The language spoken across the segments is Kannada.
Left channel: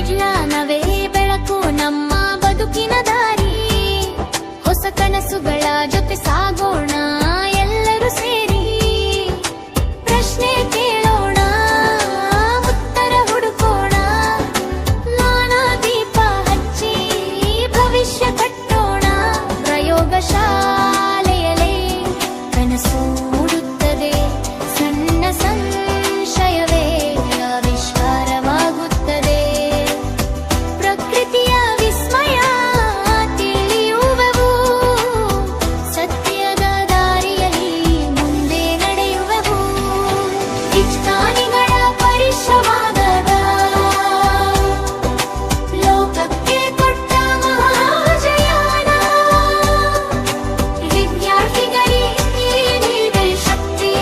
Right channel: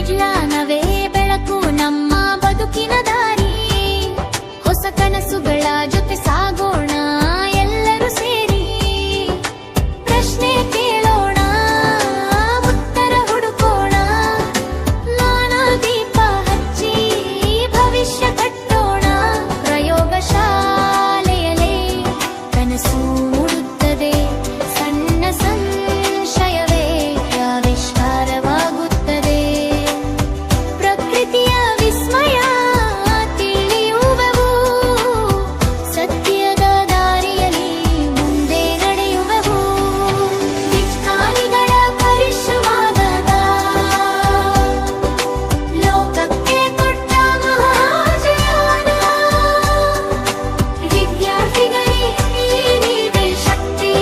ವಿಜ್ಞಾನವೇ ಬೆಳಕು ನಮ್ಮ ಬದುಕಿನ ದಾರಿ. ಹೊಸ ಕನಸುಗಳ ಜೊತೆ ಸಾಗೋಣ ಎಲ್ಲರೂ ಸೇರಿ. ಪ್ರಶ್ನೆ ಕೇಳೋಣ, ಉತ್ತರ ಹುಡುಕೋಣ. ಜ್ಞಾನ ದೀಪ ಹಚ್ಚಿ ಭವಿಷ್ಯ ಕಟ್ಟೋಣ. ಪ್ರಯೋಗಶಾಲೆಯಲ್ಲೇ ಕನಸು ಮೂಡುತ್ತದೆ. ಸಣ್ಣ ಸಂಶಯವೇ ಆವಿಷ್ಕಾರವಾಗುತ್ತದೆ. ಪ್ರಕೃತಿಯ ವಿಸ್ಮಯ ತಿಳಿಯುವೆವು. ಸತ್ಯದ ದಾರಿಯಲ್ಲಿ ಮುಂದೆ ನಡೆಯುವೆವು. ವಿಜ್ಞಾನಿಗಳ ಪರಿಶ್ರಮದ ಲೋಕಕ್ಕೆ ಕೊಟ್ಟ ಮಹಾಜಯಾನ. ವಿದ್ಯಾರ್ಥಿಗಳಿಗೆ ನೀವೇ ಶಕ್ತಿ.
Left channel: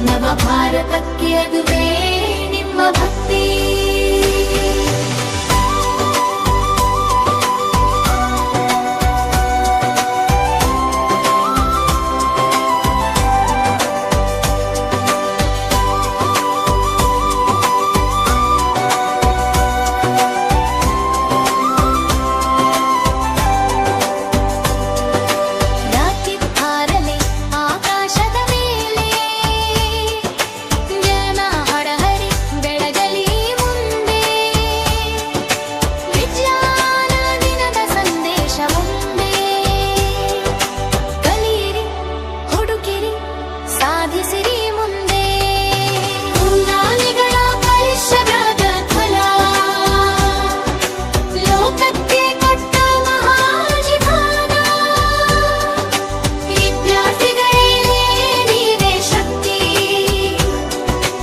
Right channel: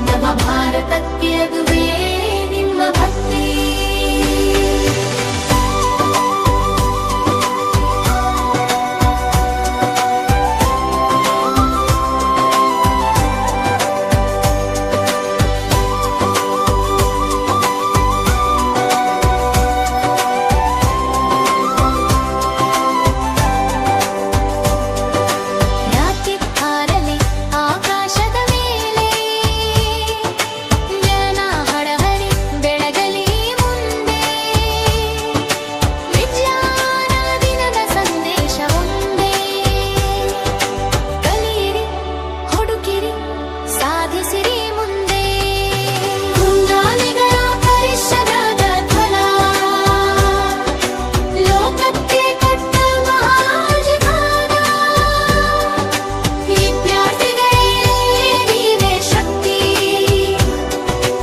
ನವ ಭಾರತಕ್ಕೆ ಅದುವೇ ನಿಮ್ಮ ಭಕ್ತಿ. ರಾಕೆಟ್ ಹಾರಲೆ ಆಕಾಶದ ಮೇಲೆ. ಜನ ಹಡಹರಿ ಬೆಳಗಲಿ ಮುಂದೆ. ವಿಜ್ಞಾನ ದಿನದ ಸಂದೇಶ ಒಂದೇ. ಕಲಿಯಿರಿ, ಹುಡುಕಿರಿ, ಸಾಧಿಸಿರಿ ಮುಂದೆ. ವಿಜ್ಞಾನಿಗಳ ಪರಿಶ್ರಮದ ಫಲ ಲೋಕಕ್ಕೆ ಕೊಟ್ಟ ಮಹಾಜೀವನ. ವಿದ್ಯಾರ್ಥಿಗಳೇ ನೀವೇ ಶಕ್ತಿ.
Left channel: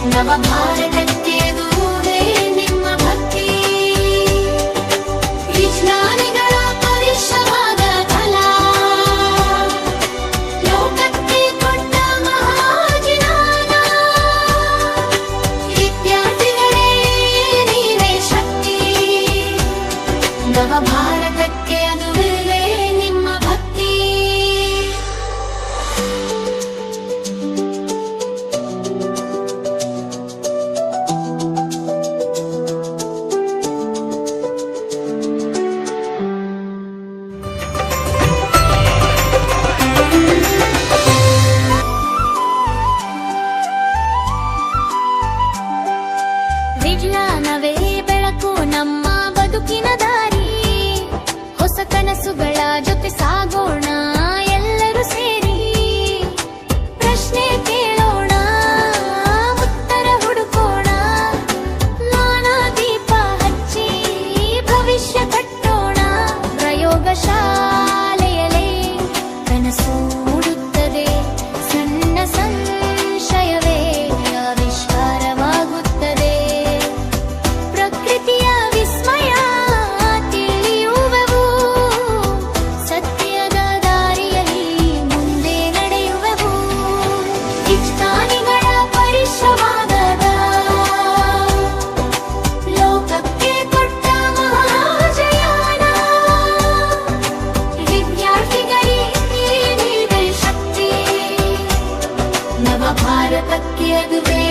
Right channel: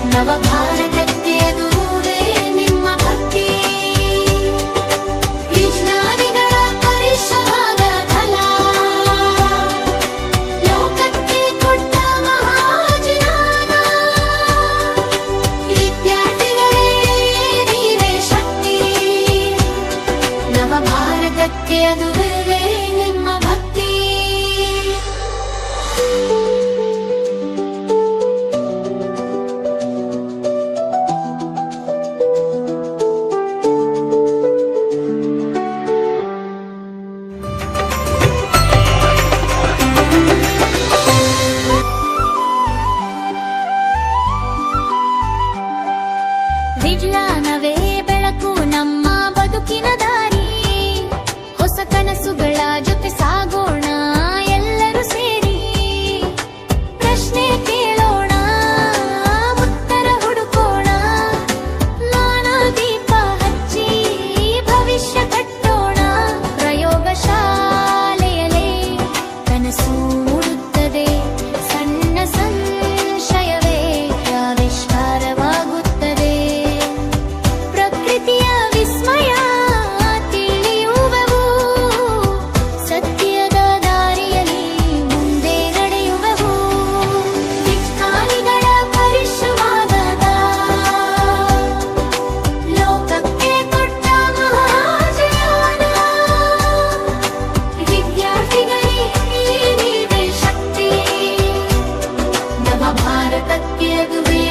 ನವ ಭಾರತಕ್ಕೆ ಅದುವೇ ನಿಮ್ಮ ಭಕ್ತಿ. ವಿಜ್ಞಾನಿಗಳ ಪರಿಶ್ರಮದ ಫಲ ಲೋಕಕ್ಕೆ ಕೊಟ್ಟ ಮಹಾಜೀವನ. ವಿದ್ಯಾರ್ಥಿಗಳೇ ನೀವೇ ಶಕ್ತಿ. ನವ ಭಾರತಕ್ಕೆ ಅದುವೇ ನಿಮ್ಮ ಭಕ್ತಿ. ವಿಜ್ಞಾನವೇ ಬೆಳಕು ನಮ್ಮ ಬದುಕಿನ ದಾರಿ. ಹೊಸ ಕನಸುಗಳ ಜೊತೆ ಸಾಗೋಣ ಎಲ್ಲರೂ ಸೇರಿ. ಪ್ರಶ್ನೆ ಕೇಳೋಣ, ಉತ್ತರ ಹುಡುಕೋಣ. ಜ್ಞಾನ ದೀಪ ಹಚ್ಚಿ ಭವಿಷ್ಯ ಕಟ್ಟೋಣ. ಪ್ರಯೋಗಶಾಲೆಯಲ್ಲೇ ಕನಸು ಮೂಡುತ್ತದೆ. ಸಣ್ಣ ಸಂಶಯವೇ ಆವಿಷ್ಕಾರವಾಗುತ್ತದೆ. ಪ್ರಕೃತಿಯ ವಿಸ್ಮಯ ತಿಳಿಯುವೆವು. ಸತ್ಯದ ದಾರಿಯಲ್ಲಿ ಮುಂದೆ ನಡೆಯುವೆವು. ವಿಜ್ಞಾನಿಗಳ ಪರಿಶ್ರಮದ ಲೋಕಕ್ಕೆ ಕೊಟ್ಟ ಮಹಾಜಯಾನ. ವಿದ್ಯಾರ್ಥಿಗಳಿಗೆ ನೀವೇ ಶಕ್ತಿ. ನವ ಭಾರತಕ್ಕೆ ಅದುವೇ